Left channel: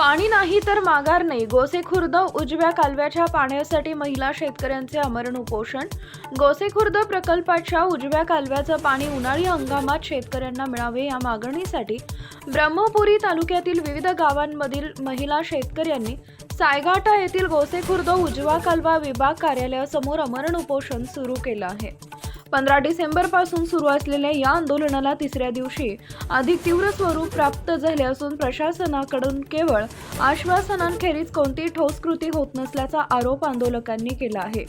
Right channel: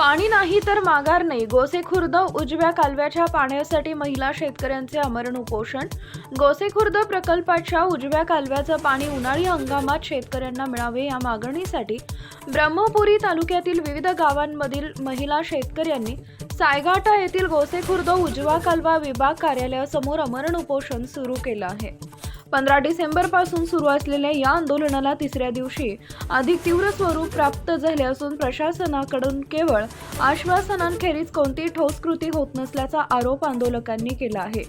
पाणी नाही तर माघार नाही. गोसेखुर्द उजव्या कालव्याच्या पाण्यासाठी महिला शेतकऱ्यांचे आमरण उपोषण. गोसेखुर्द प्रकल्पाच्या उजव्या कालव्याचं पाणी उन्हाळी हंगामात शेतकऱ्यांना मिळावे या मागणीसाठी ब्रह्मपुरी तालुक्यातील विविध गावांमधील महिला शेतकऱ्यांनी सायघाटा येथील गोसेखुर्द उजवा कालवा विभाग कार्यालयासमोर आमरण उपोषण सुरू केलं आहे. 15 डिसेंबरपासून सुरू असलेल्या या आंदोलनाला तिसऱ्या दिवशी अधिक तीव्र स्वरूप प्राप्त झाले असून प्रशासनाकडून केवळ आश्वासनांखेरीज कोणतीही ठोस कृती होत नसल्याचा आरोप आंदोलकांनी केला आहे.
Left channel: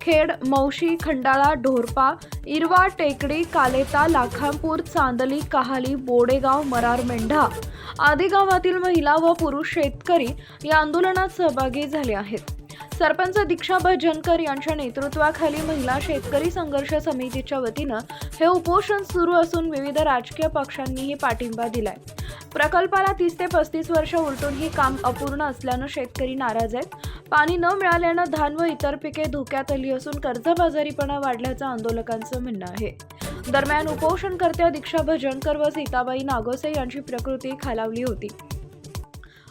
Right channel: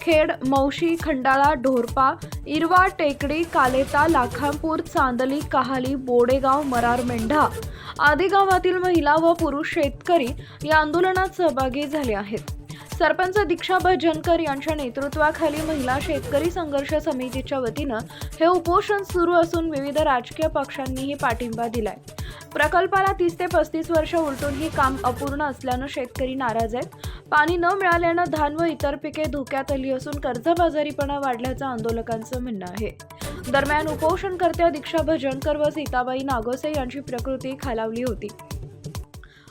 खेड, मौशी, खंडाळा, ढोरपा, इरवा, टेकडी, कालेता, लाखांपूर, चांदली, काहाली, बोडेगाव, मरार, मेंढा आदी गावातील महिला व पुरुष शेतकरी या आंदोलनात सहभागी झाले आहेत. सरपंच दीक्षा भजनकर यांच्या नेतृत्वाखाली महिला शेतकरी संघर्ष समितीच्या वतीनं हे उपोषण सुरू असून विविध राजकीय पक्षांनीही पाठिंबा दिलाय. प्रकल्पाला 30 ते 35 वर्ष उलटूनही काम अपूर्ण असल्यानं शेतकरी नाराज आहेत. पाणी न मिळाल्यानं धान व इतर पिके धोक्यात आली असून कर्जबाजारीपणा वाढल्याचं आंदोलकांचं म्हणणं आहे. दरम्यान उपोषणकर्त्या दीक्षा भजनकर व सीताबाई नागोसे यांची प्रकृती खालावली होती.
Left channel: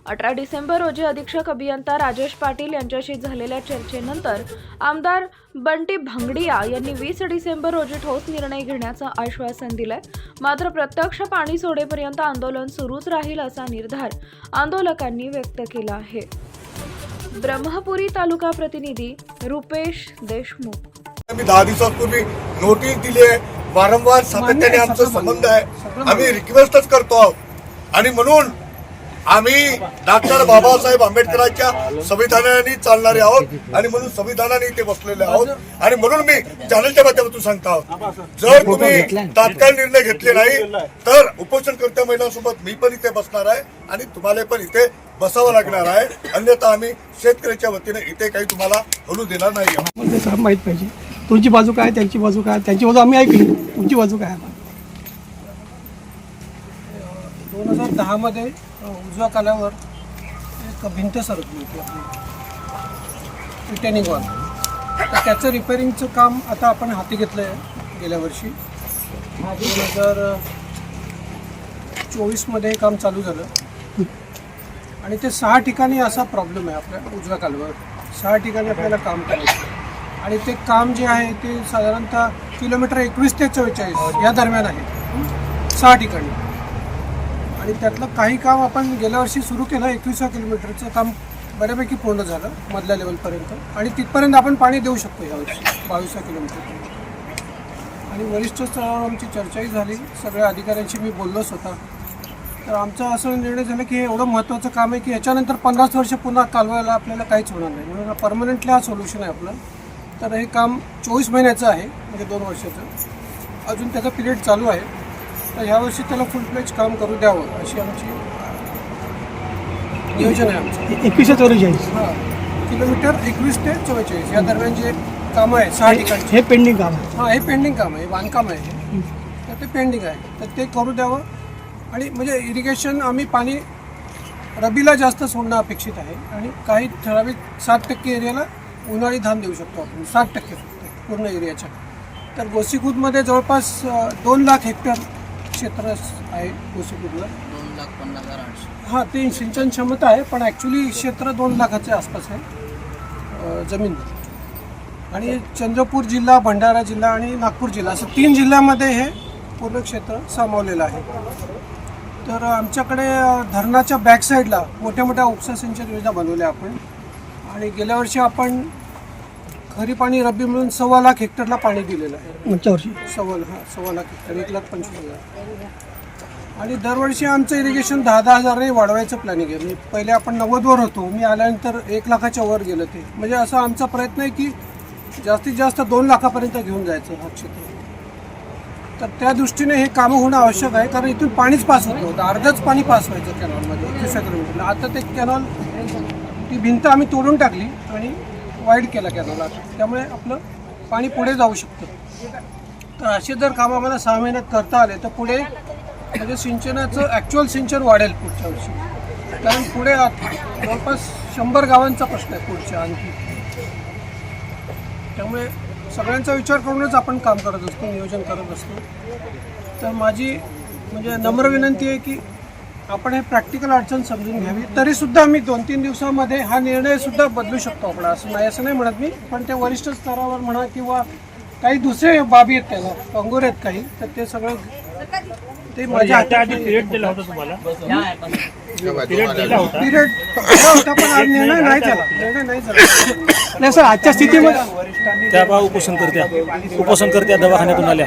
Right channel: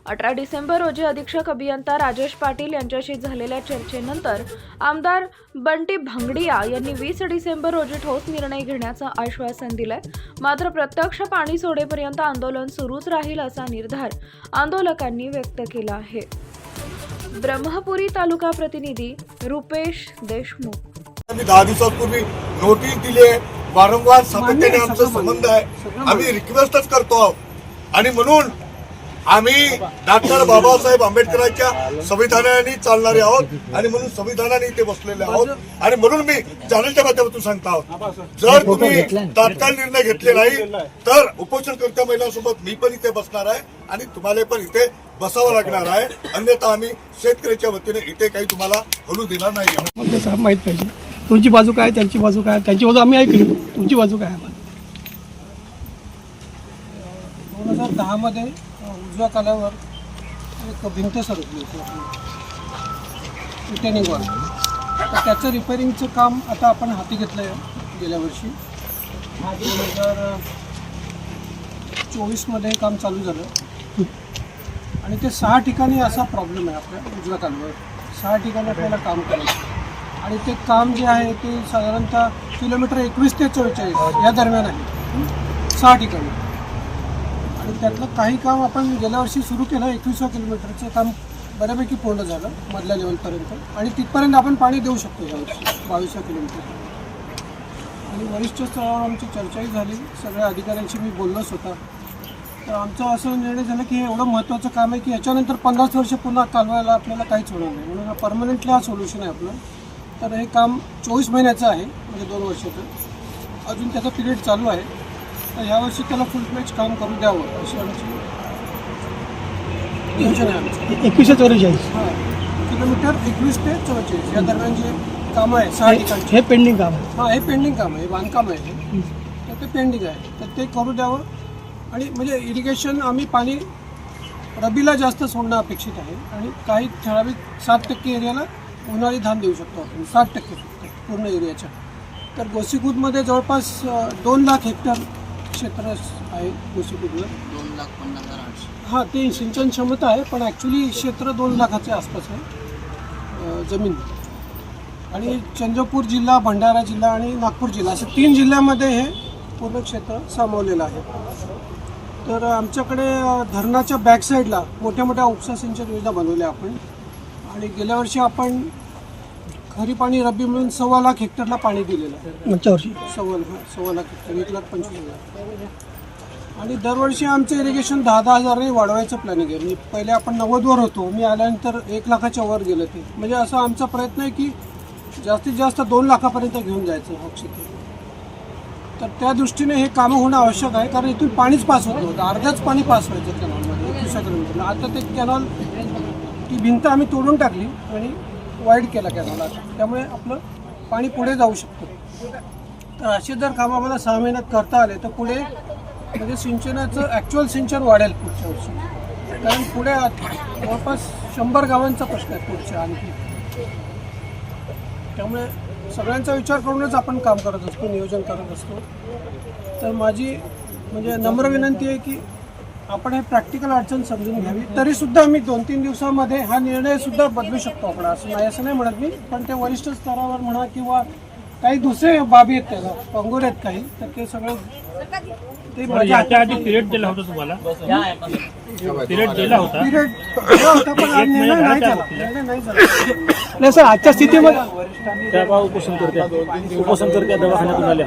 18 डिसेंबर रोजी अधीक्षक अभियंता राजेश पाटील यांच्याशी झालेल्या चर्चेनंतर आमदार बंटी भंगडिया यांनी 20 डिसेंबर रोजी ठोस निर्णय घेण्याचं आश्वासन दिलंय. मात्र प्रत्यक्ष पाणी सोडेपर्यंत आंदोलन सुरूच राहील असा निर्धार आंदोलकांनी व्यक्त केला आहे. ब्रह्मपुरी तालुका प्रतिनिधी रुपेश देशमुख. आम्ही 10 दिवसांपूर्वी नोटीस दिली आहे. वारंवार सातत्याने आमचा संबंध आहे. आम्ही रिक्वेस्टच करतो आहोत आणि म्हणून आम्ही डॉक्टर बाबासाहेब आंबेडकरांच्या संविधानाने चालणारे आहोत आणि म्हणून संविधानाने इथे बसलेले आहोत आणि म्हणून मी चॅनलच्या माध्यमातून सांगतो आहोत, जर तुम्ही तात्काळ निर्णय घेतले नाही तर उपोषणकर्त्या महिलांसोबत मी पण इथे बसणार आहे आणि तुम्हाला पण इथे बसावं लागणार आहे. अन्यथा आम्ही शेतकऱ्याच्या वतीने इथे काही तुम्हाला बोलू देणार नाही आहोत. माहित पाहिजे तुमची बाजू काय, त्यांची बाजू काय, त्यांची बाजू आम्ही ऐकली, तुमची बाजू काय आहे. 2010 मध्ये उजव्या कालावर एक भिंत सरकली होती रिटेनिंग वॉल. तर त्याचं रिपेअरिंगचं काम आता आपण हाती घेतलं आहे. गेल्या वर्षी 2024 मध्ये काम चालू झालं आणि ते 6 ठिकाणी असा प्रॉब्लेम आहे आपल्या उजव्या कालव्यावर. 6 ठिकाणी आपल्याला काम करायचं आणि ते काम जे आहे ते साधारणतः किलोमीटर 21 ते 44 या दरम्यान आहे. 6 ठिकाणी आणि त्यातलं काही काम आपण गेल्या वर्षी सुरू केलं. 21व्या किलोमीटरचं काम बऱ्यापैकी पूर्ण झालं मधल्या लेवलपर्यंत आणि तिथपर्यंत आपण पाणी देऊ शकतो यावर्षी 22व्या किलोमीटर. आणि वरिष्ठ स्तरावर आमची चर्चाही झाली. सगळ्या अधिकाऱ्यांशी मी बोललोच होता. तर आमचा असं निर्णय झाला की हे एवढं महत्त्वाचं काम आहे की याच्यानंतर 50 वर्ष पुन्हा कालवायला आपल्याला काहीच होणार नाही. म्हणून परमनंटली हा सोल्युशन आहे आपलं. तर हे काम 24 महिन्याचं आहे, म्हणजे 2 वर्षाचं. अजून त्याचा पिरियड चालू आहे. तर यावर्षी त्याला फुल फ्लेज काम करू द्यावं अशी आमची नियोजन आहे आमचं. 21 ते 44 हां, किलोमीटर 21 ते 44 या दरम्यान जे काम आहे 6 ठिकाणी हे पेंडिंग काम आहे. हां, हे पेंडिंग काम आहे, बांधकाम आहे हे. तर ते पेंडिंग आहे, तर ते करू द्यावं. आणि म्हणजे इरिगेशन आम्ही पाणी रबीला जास्त सोडणं अपेक्षित आहे आणि काही ठराविक 7% एरियाला उन्हाळी धान देऊ शकतो आपण. 60% पूर्ण एरियाच्या. तर गोसीखुर्दमध्ये जवळपास 2 लाख हेक्टर क्षेत्र आहे गोसीखुर्दला. 2,50,800. हां, ते सिंचन क्षमता आहे पण ॲक्च्युली क्षेत्र 2 लाखाच्या आसपास आहे जमीन. आणि चंद्रपूर जिल्हा, भंडारा जिल्हा आणि नागपूर जिल्हा असं 3 जिल्ह्यामध्ये हे पूर्ण क्षेत्र सामावलेलं आहे. तर आमच्याकडे धरणाच्या बॅक साईडला मोठ्या मोठ्या उपसा सिंचन योजना बनवल्या आपण. आणि गेल्या वर्षी आपण खरीप आणि रब्बी मिळून 1.25 लाख हेक्टरला पाणी दिलेलं आहे. मागच्या वर्षी 1.25 लाख हेक्टर, 1,25,000. आणि दरवर्षी आमचं इरिगेशन 10,000 हजारने वाढवायचं प्लॅनिंग आहे. म्हणजे पहिले आपण 90वर होतो, मी आल्यानंतर 1 लाखाच्या वर गेलं ते. म्हणजे असा आमचा प्रयत्न आहे की जास्तीत जास्त 2 लाखापर्यंत घेऊन जायचं हा क्षेत्र. तर त्या दृष्टीने हे कामं होणं आवश्यक आहे कारण इथून पाणीच पास होत नव्हतं. अर्धच पाणी पास व्हायचं कॅनॉलमध्ये 21 किलोमीटरला. आता ते कॅनॉल, ती भिंत आम्ही तोडून टाकली आणि वाईड केला कॅनॉल. त्यामुळे आपलं पाणी पुढे जाऊ शकतं. तर असे जर काम आम्हाला 6 महिन्यात करता आले तर पुढे म्हणजे सिंचनाचं ॲक्च्युअल सिंचन वाढेल पुढच्या वर्षी. कारण पुढे जवळपास 100 गावांचा प्रश्न आहे पुढच्या आणखी. त्यामुळे सगळ्यांचा विचार करूनच आपण काम करत असतो, नियोजन करत असतो. तर माझी म्हणजे नम्र विनंती आहे की आपण हे प्रॅक्टिकल अडचण समजून घ्यावी. तरी सुद्धा आम्ही 2-3 दिवसामध्ये हा निर्णय सुद्धा बदलू शकतो आपण, असं नाही म्हणत मी. पण ते वरिष्ठ स्तरावर म्हणा किंवा काही दुसरे बाबी आहेत, त्याला पंगोर आहेत काही, तर ते सगळं ते माझ्या हातात पिरियड दिला होता तुम्हाला, पिरियड दिला होता पण आज निर्णय नाही झाला. नाही सर, आजच्या स्थितीमध्ये त्या उपोषणकर्त्या दवाखान्यातून आल्या.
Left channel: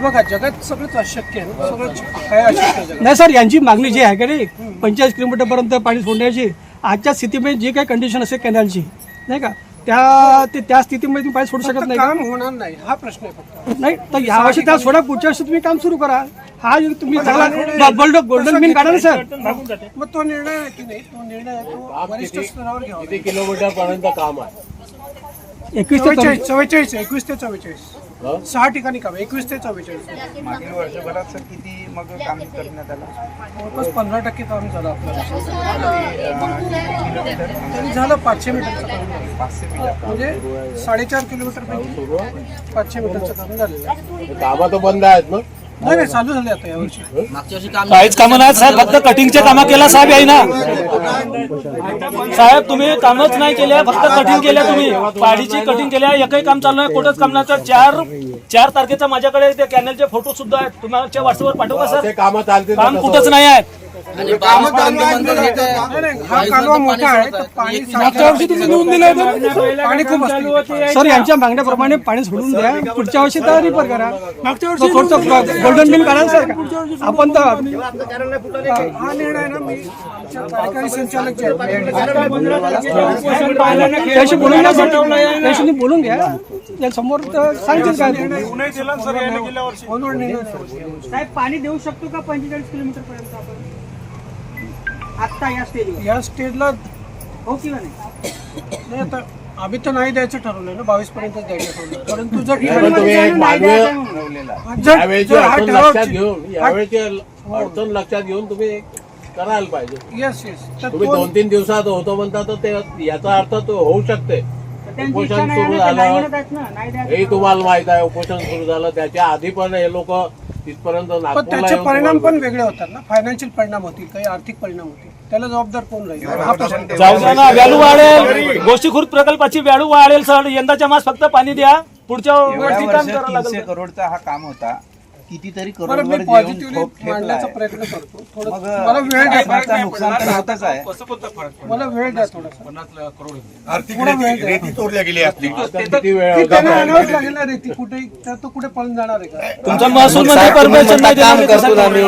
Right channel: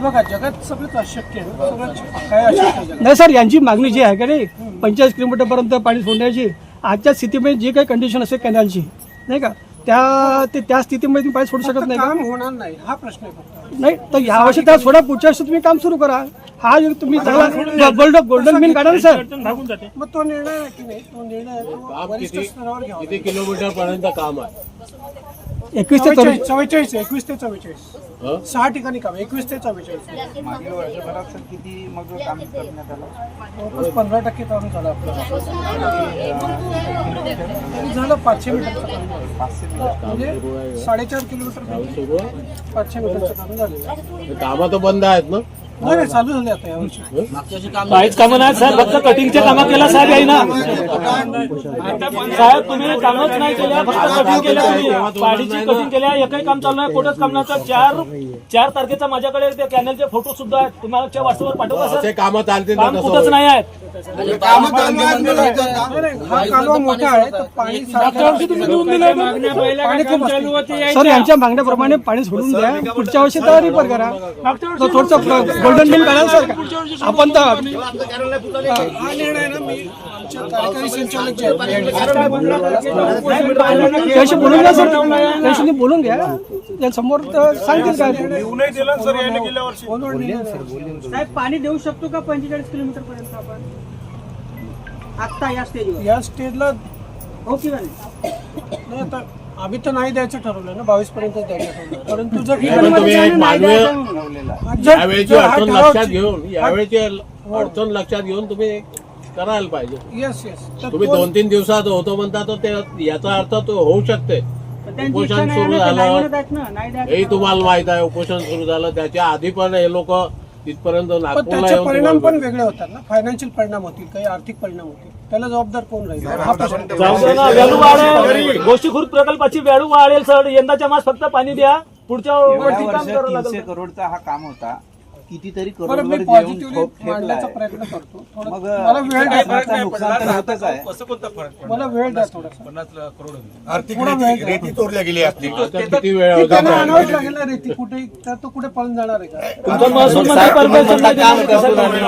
बघा, जगात सगळंच अशक्य आहे ना, सगळं काय अशक्य आहे. नाही सर, यांची मागणी जी आहे का नाही 45 किलोमीटरपर्यंत पाणी सोडण्याची, आजच्या स्थितीमध्ये जी काही कंडिशन असेल कॅनलची, नाही का, त्या स्थितीमध्ये तुम्ही पाणी सोडू शकत नाही का? काम होणार नाही हा प्रश्न आहे फक्त. नाही तर या वर्षी त्या सोडा, पुढच्या वर्षी तुम्ही काम सुरू करा. हा जो तुम्ही चांगला गोल्डन मीन काढा ना सर. मग तो निर्णय आहे की नाही, तो निर्णय तो वरिष्ठ स्तरावर घ्यावा. किती किलोमीटर पर्यंत काम आहे? 21 ते 44 21 ते 44 6 ठिकाणी काम, 21 ते 44. मागील वर्षभरात सर किती मग काम करण्यात आलं? जवळपास 15% काम झालं आपलं. तरी झालं 500 मीटरचं काम झालं. 500 मीटर. म्हणजे 4.5 किलोमीटर पैकी 500 मीटरचं काम झालेलं आहे. कामं तर बंद आहेत ना? नाही चालू झाले आता यावर्षी. मागच्या वर्षी काम काहीच कामं नाही साहेब, फक्त कटिंगचे कामं केलं साहेब आहे ना. साहेब तुम्ही कामच नाही केले, फक्त कटिंग केल्या. तुम्ही पाडीची कटिंग केल्या, एकही काम चालू नाही, कुठंच काम नाही. तर 4 तारखेचा माझ्याकडे ते कॅनलचे फोटो सुद्धा आहेत, तुम्हाला व्हॉट्सअपवर पाठवू का सर? ते कामं चालतील ना काम कसं? कुठंच नाही आहेत. नाही, हा कालवा मोठा आहे तर पाणी पाणी खूप असते. सर, यांच्या मागण्याप्रमाणे पाणी सोडून द्या, पुढच्या वर्षी तर रिपेअर करा. थोडंसं गोल्डन मीन काढा सर. आपण तर हा निर्णय ना मी आमच्या कार्यकारी संचालक जे आहेत त्याशी बोलून घ्या सर, त्याशी बोलून घ्या. त्या समोर तर सांगतील काय फोनवर निर्णय नाही. साहेब, पाणी देऊ शकतो का 45 किलोमीटर पर्यंत आपण आता या स्टेजवर? या स्टेजला हो किंवा नाही? नाही, आता आम्ही तर नाही द्यायचं ठरवलं ना, 22 पर्यंतच द्यायचं ठरवलं. परंतु जर पण तुम्ही एक मानवीय यावेळेची जर हा अडचण ठराव लक्षात घेऊन, यावेळेची अडचण लक्षात घेऊन तुम्ही करायला पाहिजे. येस तर तुम्ही 2-3 दिवसात होतो म्हणता, तर ते याचा अर्थ तो होऊ शकते. त्यांची इच्छा उपोषण नाही सुरू आहे ना, ते नाही झालं म्हणत आहेत ना, नाही द्यायचं. हेही तुम्हाला माहित आहे. उपोषण सुरू झालं त्याच्या आधी पण हे लोक तिथपर्यंत पण नागपूरला त्याचे येऊन परिणाम तुम्हाला- पण वेगळे होतात ना. फायनान्शियल परिणाम होतील, काही आर्थिक परिणाम होतील. त्याला जबाबदार कोण राहील हा प्रश्न. जाऊ द्या ना, व्हॅल्यू वाढेल. गोष्टीखुर्द प्रकल्पाची व्हॅल्यू वाढेल सर. यंदाच्या मास फक्त पाणी द्या, पुढच्या एवढ्या वर्षी काम वर्षात करावं 300 लागेल. करोडचा हा काम होता. कितीतरी बरं, करोडवर मी देऊन पॉझिटिव्हली ठोक ठेवला मांडण्याचा आहे. प्रयत्न करतो. थोडं मग मला वेळ द्या, त्याचं नुकसान तर होतच आहे. मला वेळ द्या थोडासा. आर्थिक थोडा वेळ द्या. रेती चोरल्या गेली आपली. आता किती वेळ की होता त्यांना पाहिजे? आणावंच लागेल ना रेती. कुठे तर तो कुठे पळून जाणार आहे का? तुमचं महसूल मंत्री परमिशन नाही काम देणार करतो आम्ही.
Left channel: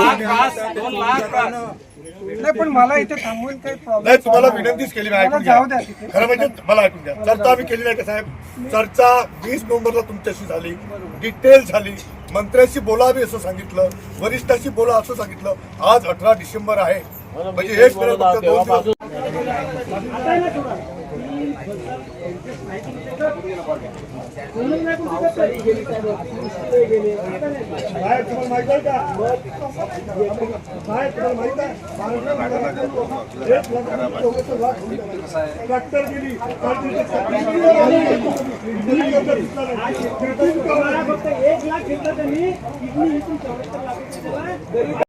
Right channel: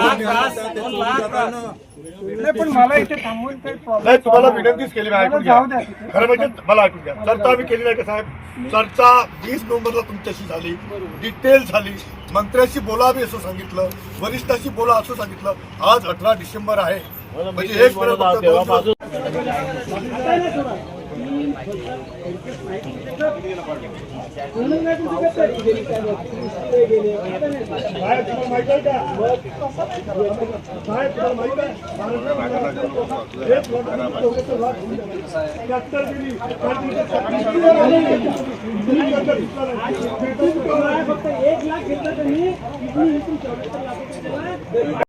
नाही, पण मला इथे थांबवून काही नाही, प्रॉब्लेम तुम्हाला विनंतीच केली नाही, ऐकून घ्या. जाऊ द्या तिथे. खरं म्हणजे मला ऐकून घ्या. चर्चा आम्ही केली नाही का साहेब? चर्चा 20 नोव्हेंबरला तुमच्याशी झाली, डिटेल झाली. मंत्र्याशी बोलावे असं सांगितलं, वरिष्ठाशी बोला असं सांगितलं. आज 18 डिसेंबर आहे, म्हणजे एक मिनिट फक्त 2 दिवस. फक्त 1 लाख घेतलं त्यांनी, किडनी विकून 44 लाख.